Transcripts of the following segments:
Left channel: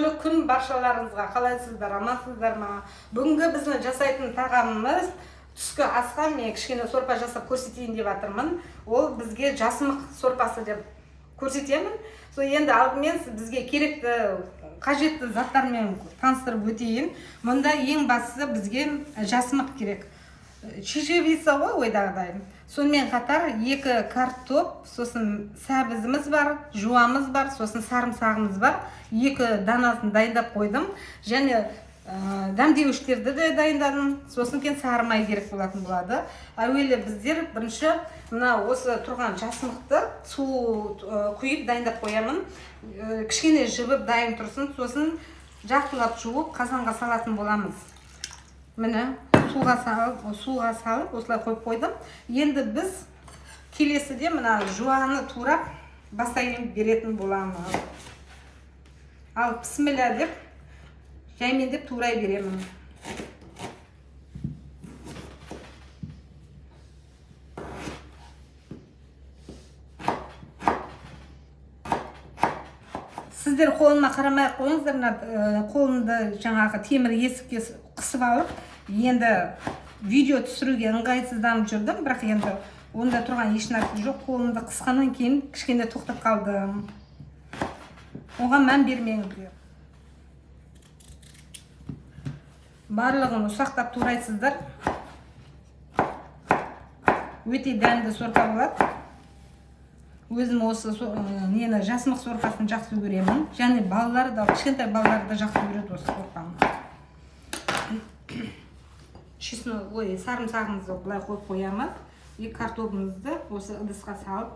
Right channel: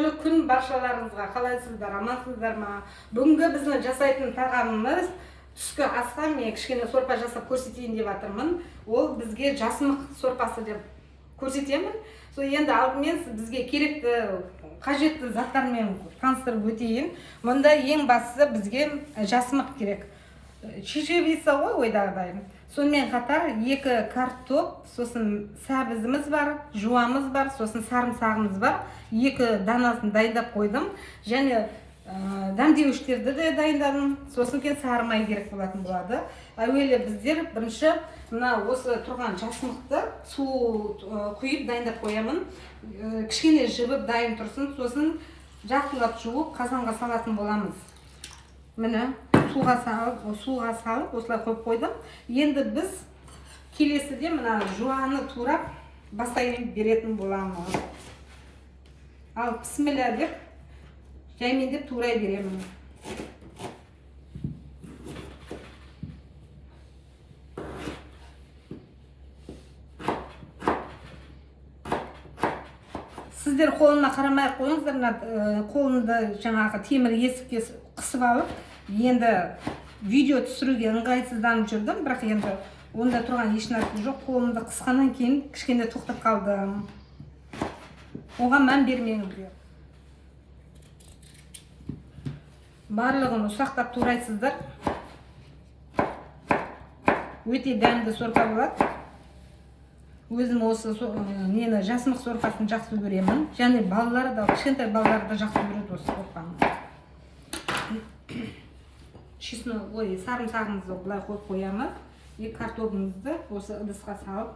Қайырлы күн баршаларыңызға. Қалайсыздар, амансыздар ма? Бүгінгі біздің жасайтын тағамымыз түскі асқа мен кішкене сорпа жасап көрсетейін деп жатырмын. Ол бізге жасымық сорпасы деп көрсетемін. Сол енді алдымен бізге керекті қажетті заттармен таныстырып өтейін. Мұнда ең бастысы бізге жасымық керек. Чечевица ғой ойдағыдай. Сонымен қатар 2 картоп, сосын сәбізіміз бар, жуамыз бар, сосын сарымсағымыз бар. 2 данасын дайындап қойдым. Және дәмдеуіштерді де дайындадым. Сосын кен сары май керек болатын болады. Әуелі біздер бірінші мына осы тұрған жасымықты су құйып дайындап қоямын. Кішкене жібіп дайын тұрсын. Сосын жақтылап жуып қазанға салатын боламыз. Міне суға салып осылай қойып қойдым. Енді біз келесіде мына жуаны турап басайын беретін боламыз. Ал бісміллә деп жаймендеп турай беремін. Сіздер қолыма қарамай қойыңыздар, қолымды жаңағы темір есікке қысып алып, енді видео түсіруге ыңғайсызданып жүрдім, бірақ енді онда тұрған еш нәрсе жоқ. Қолымды қысқаннан кейін кішкене тоқтап қалдым. Оған мән бермеңіздер. Барлығын ұсақтап турайсыздар. Өте дәмді сорпа болады. Өзім осы нені жасымық сорпасын жақсы көремін. Және балалар да, кішкентай балалар да жақсы көреді осы сорпаны. Сарымсағымызды былай қойып қоямыз. 2 картопымызды осы ыдысқа салып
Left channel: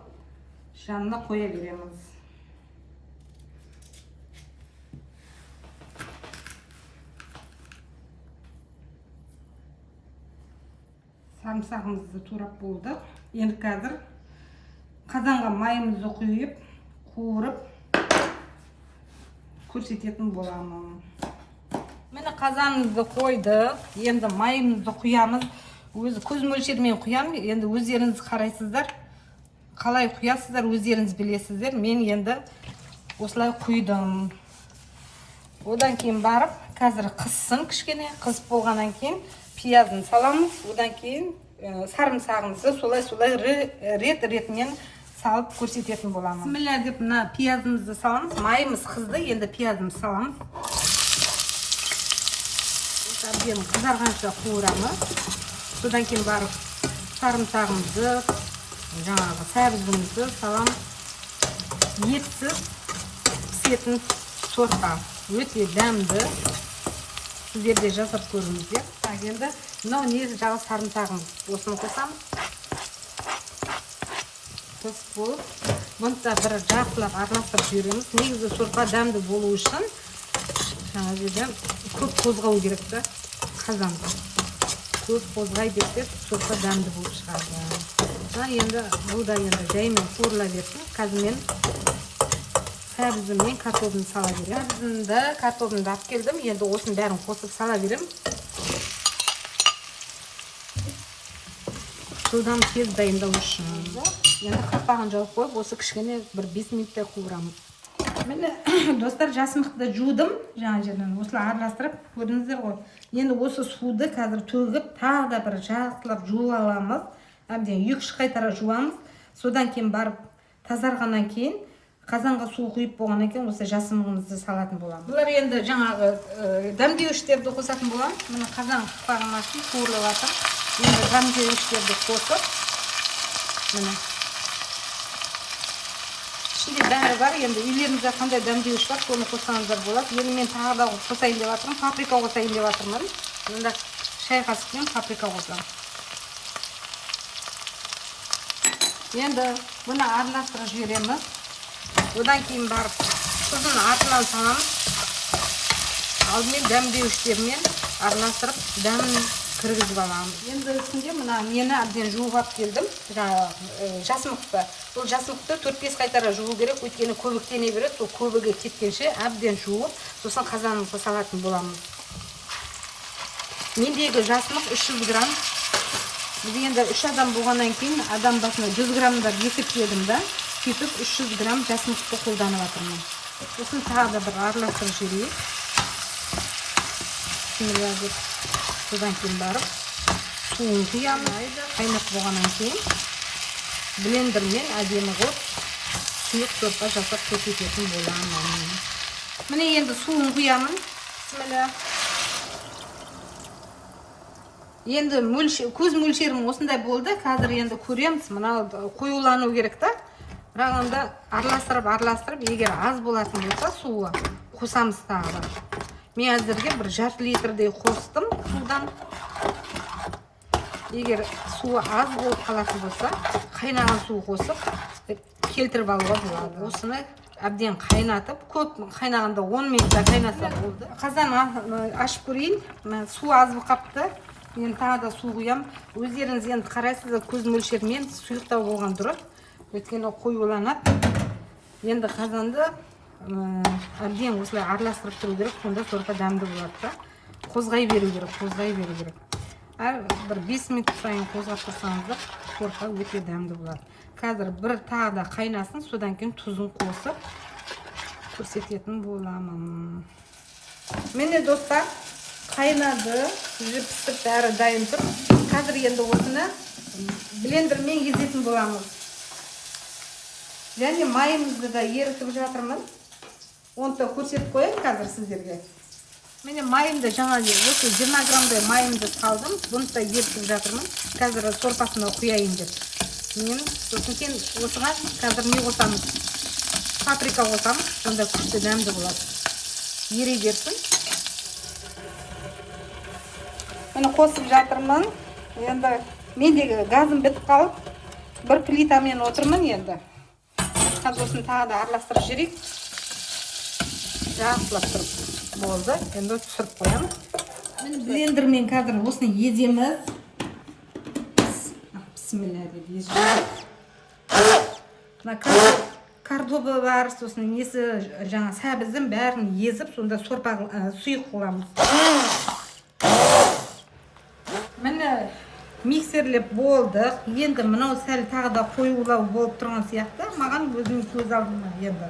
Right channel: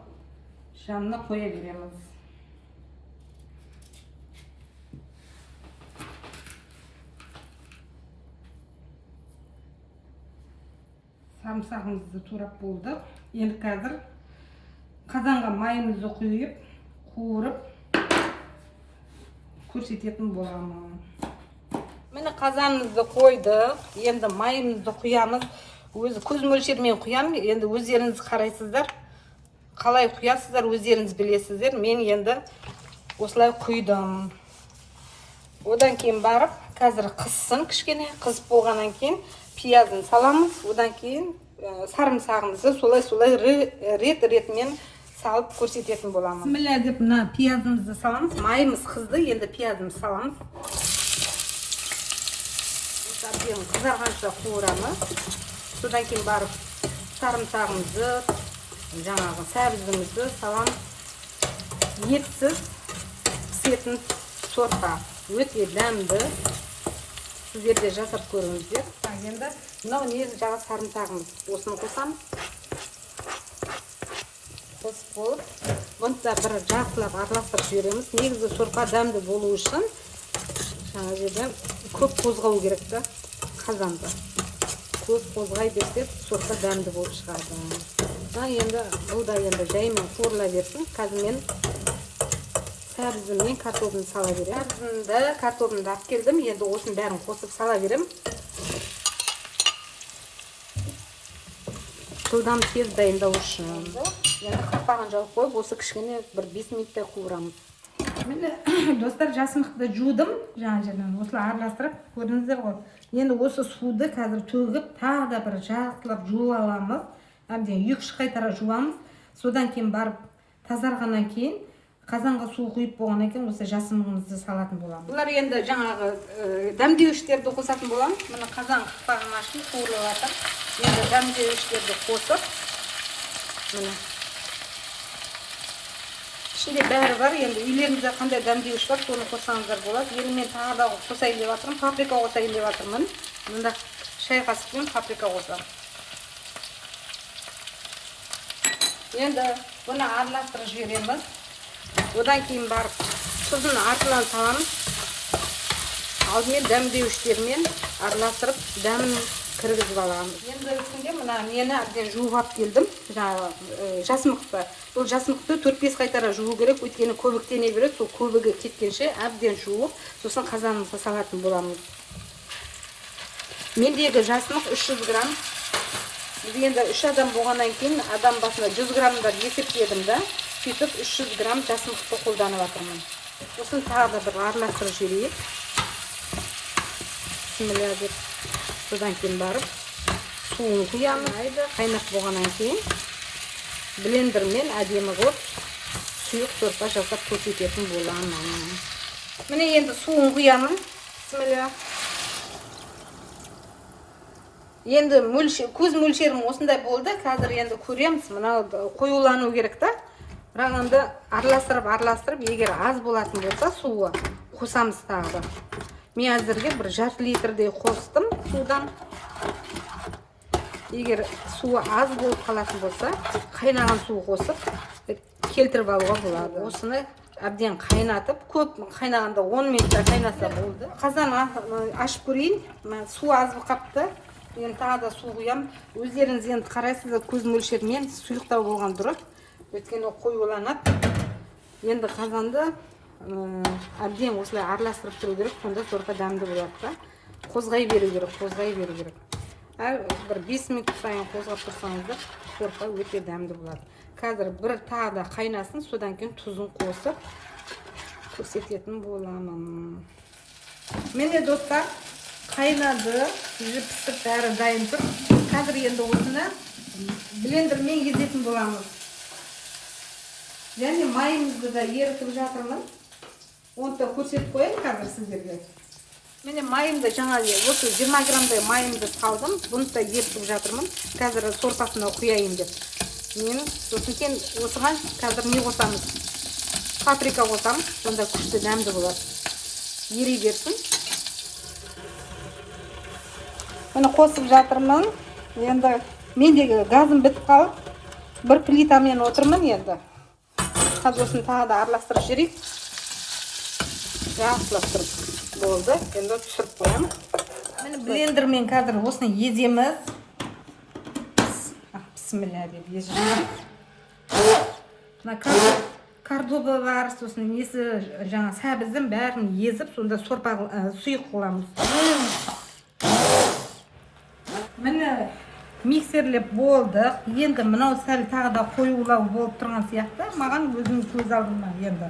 жанына қоя береміз. Сарымсағымызды турап болды. Енді қазір қазанға майымызды құйып, қуырып көрсететін боламын. Міне қазанымызды қойдық. Енді майымызды құямыз. Өзі көз мөлшермен құям. Енді өздеріңіз қарайсыздар. Қалай құясыздар, өздеріңіз білесіздер. Мен енді осылай құйдым. Одан кейін барып, қазір қыссын кішкене. Қысып болғаннан кейін пиязын саламыз. Одан кейін сарымсағымызды солай рет-ретімен салып көрсететін боламыз. Бісміллә деп мына пиязымызды саламыз. Майымыз қызды, енді пиязымызды саламыз. Әбден қызарғанша қуырамыз. Содан кейін барып сарымсағымызды, жаңағы сәбізімізді саламыз. Етсіз пісетін сорпа. Өте дәмді. Сіздер де жасап көріңіздер. Енді мынау негізі жағы сарымсағымыз. Осыны қосамыз. Қосып болып, бұны да бір жақсылап араластырып жібереміз. Негізі сорпа дәмді болу үшін жаңа жерден көп қозғау керек та қазанда. Көп қозғай берсек, сорпа дәмді болып шығады. Енді бұл да енді жаймен қуырыла берсін. Қазір мен сәбізіммен картопымды сала берем. Сәбізімді, картопымды алып келдім. Енді осының бәрін қосып сала берем. Жылдам тез дайындау үшін. Енді қақпағын жауып қойып, осы кішкене бір 5 минутта қуырамыз. Міне достар, жасымықты жудым. Жаңа жерден осылай араластырып көрдіңіздер ғой. Енді осы суды қазір төгіп, тағы да бір жақтылап жуып аламыз. Әбден 2-3 қайтара жуамыз. Содан кейін барып тазарғаннан кейін қазанға су құйып болғаннан кейін осы жасымығымызды салатын боламыз. Бұлар енді жаңағы дәмдеуіштерді қосатын боламыз. Міне қазан қақпағын ашып қуырылып жатыр. Енді дәмдеуіштерді қосып, міне ішінде бәрі бар. Енді үйлеріңізде қандай дәмдеуіш бар, соны қоссаңыздар болады. Енді мен тағы да қосайын деп жатырмын, паприка қосайын деп жатырмын. Мұнда шай қасықпен паприка қосамын. Енді бұны араластырып жібереміз. Одан кейін барып тұзын артынан саламыз. Алдымен дәмдеуіштермен араластырып дәмін кіргізіп аламыз. Енді үстінде мына мені әбден жуып алып келдім. Жасымықты. Бұл жасымықты 4-5 қайтара жуу керек, өйткені көбіктене береді. Сол көбігі кеткенше әбден жуып, сосын қазанымызға салатын боламыз. Мендегі жасымық 300 грамм. Біз енді 3 адам болғаннан кейін адам басына 100 грамм бар есептедім да. Сөйтіп 300 грамм жасымықты қолданып жатырмын. Осыны тағы да бір араластырып жіберейік. Bismillah деп содан кейін барып суын құямыз. Қайнап болғаннан кейін блендермен әдемі қылып сұйық сорпа жасап көрсететін боламын. Міне енді суын құямын. Bismillah. Енді көз мөлшерім осындай болды. Қазір енді көреміз. Мынау қоюлану керек та. Бірақ енді араластырып, егер аз болатын болса суы қосамыз тағы. Мен әзірге бір жарты литрдей қостым судан. Егер суы аз болып қалатын болса, қайнаған су қосып келтіріп алуға болады. Осыны әбден қайнатып, көп қайнағанда 10 минутта қайнаса болды. Қазаны ашып көрейін. Су аз болып қапты. Мен тағы да су құям. Өздеріңіз енді қарайсыздар, көз мөлшермен сұйықтау болған дұрыс. Өйткені қоюланады. Енді қазанды әбден осылай араластырып тұру керек, сонда сорпа дәмді болады. Қозғай беру керек. Бір 5 минут сайын қозғап тұрсаңыздар, сорпа өте дәмді болады. Қазір бір тағы да қайнасын, содан кейін тұзын қосып көрсететін боламын. Міне достар, қайнады, пісіп бәрі дайын тұр. Қазір енді осыны блендермен езетін боламыз. Және майымызды да ерітіп жатырмын. Оны да көрсетіп қояйын қазір сіздерге. Міне майымды жаңа 20 грамдай майымды салдым. Бұны да ерітіп жатырмын. Қазір сорпасына құяйын деп. Сосын кейін осыған қазір не қосамыз? Паприка қосамыз. Сонда күшті дәмді болады. Ери берсін. Міне қосып жатырмын. Енді мендегі газым бітіп қалып, бір плитамен отырмын енді. Қазір осыны тағы да араластырып жіберейік. Араластырып болды. Енді түсіріп қоямын. Міне блендермен қазір осыны еземіз. Bismillah деп еземіз. Мына кардоба бар, сосын несі жаңа сәбіздің бәрін езіп, сонда сорпа сұйық қыламыз. Міне миксерлеп болдық. Енді мынау сәл тағы да қоюлау болып тұрған сияқты. Маған өзім көз алдыма енді.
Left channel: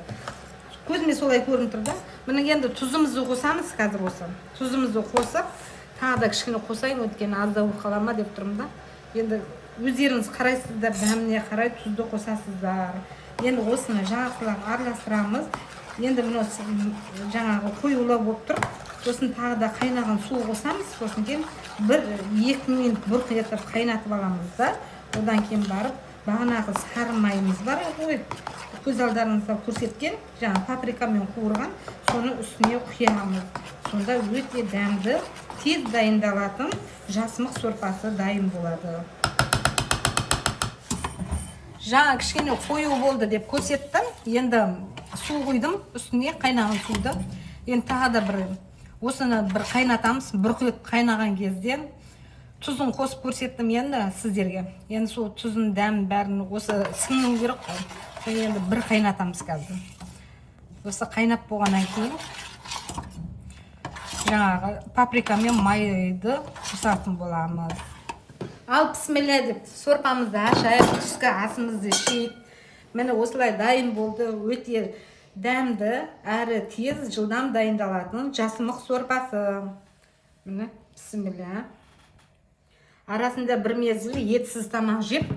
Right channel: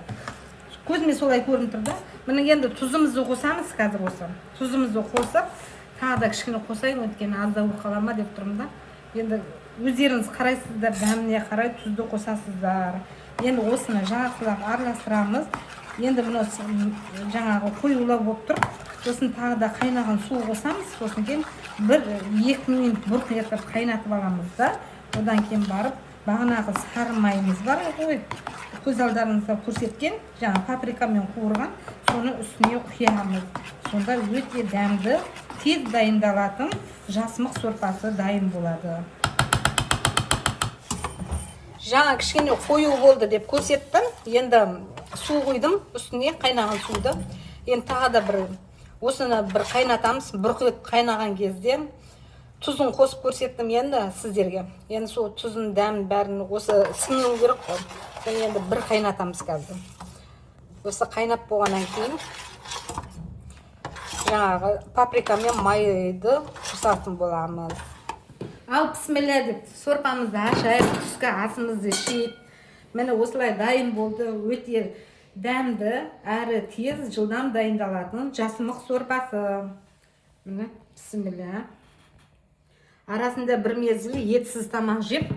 Көзіме солай көрініп тұрды. Міне енді тұзымызды қосамыз қазір осы. Тұзымызды қосып, тағы да кішкене қосайын, өйткені аздау қалама деп тұрмын да. Енді өздеріңіз қарайсыздар, дәміне қарай тұзды қосасыздар. Енді осыны жақсылап араластырамыз. Енді мынау жаңағы қоюлау болып тұр. Сосын тағы да қайнаған су қосамыз. Сосын кейін 1-2 минут бұрқ етіп қайнатып аламыз да. Одан кейін барып, бағанағы сары майымыз бар ғой. Көз алдарыңызда көрсеткен, жаңа паприкамен қуырған, соны үстіне құямыз. Сонда өте дәмді, тез дайындалатын жасымық сорпасы дайын болады. Жаңа кішкене қою болды деп көрсеттім. Енді су құйдым үстіне, қайнаған суды. Енді тағы да осыны бір қайнатамыз. Бұрқ қайнаған кезде тұзын қосып көрсеттім енді сіздерге. Енді сол тұзын дәмін бәрін осы сіңуі керек қой. Енді бір қайнатамыз қазір. Осы қайнап болғаннан кейін жаңағы паприка мен майды қосатын боламыз. Ал бісміллә деп сорпамызды ашайық, түскі асымызды ішейік. Міне осылай дайын болды. Өте дәмді, әрі тез, жылдам дайындалатын жасымық сорпасы. Міне бісміллә. Арасында бір мезгіл етсіз тамақ жеп,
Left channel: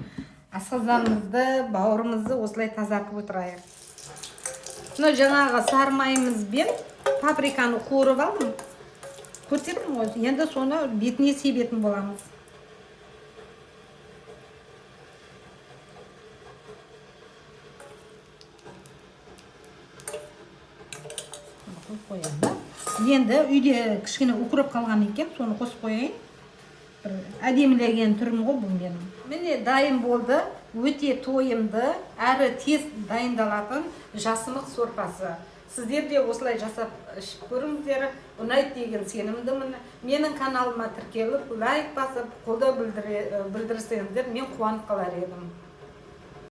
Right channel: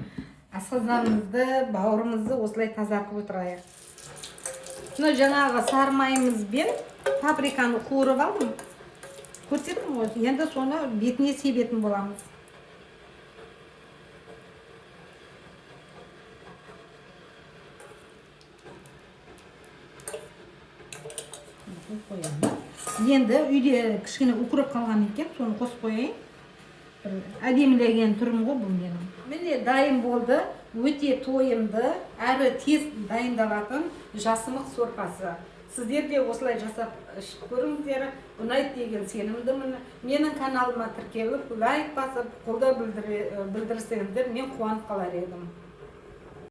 асқазанымызды, бауырымызды осылай тазартып отырайық. Мына жаңағы сары майымызбен паприканы қуырып алдым. Көрсеттім ғой, енді соны бетіне себетін боламыз. Енді үйде кішкене укроп қалған екен, соны қосып қояйын. Әдемілеген түрім ғой бұл менің. Міне дайын болды. Өте тойымды, әрі тез дайындалатын жасымық сорпасы. Сіздер де осылай жасап ішіп көріңіздер. Ұнайды деген сенімдімін. Менің каналыма тіркеліп, лайк басып, қолдау білдірсеңіздер, мен қуанып қалар едім.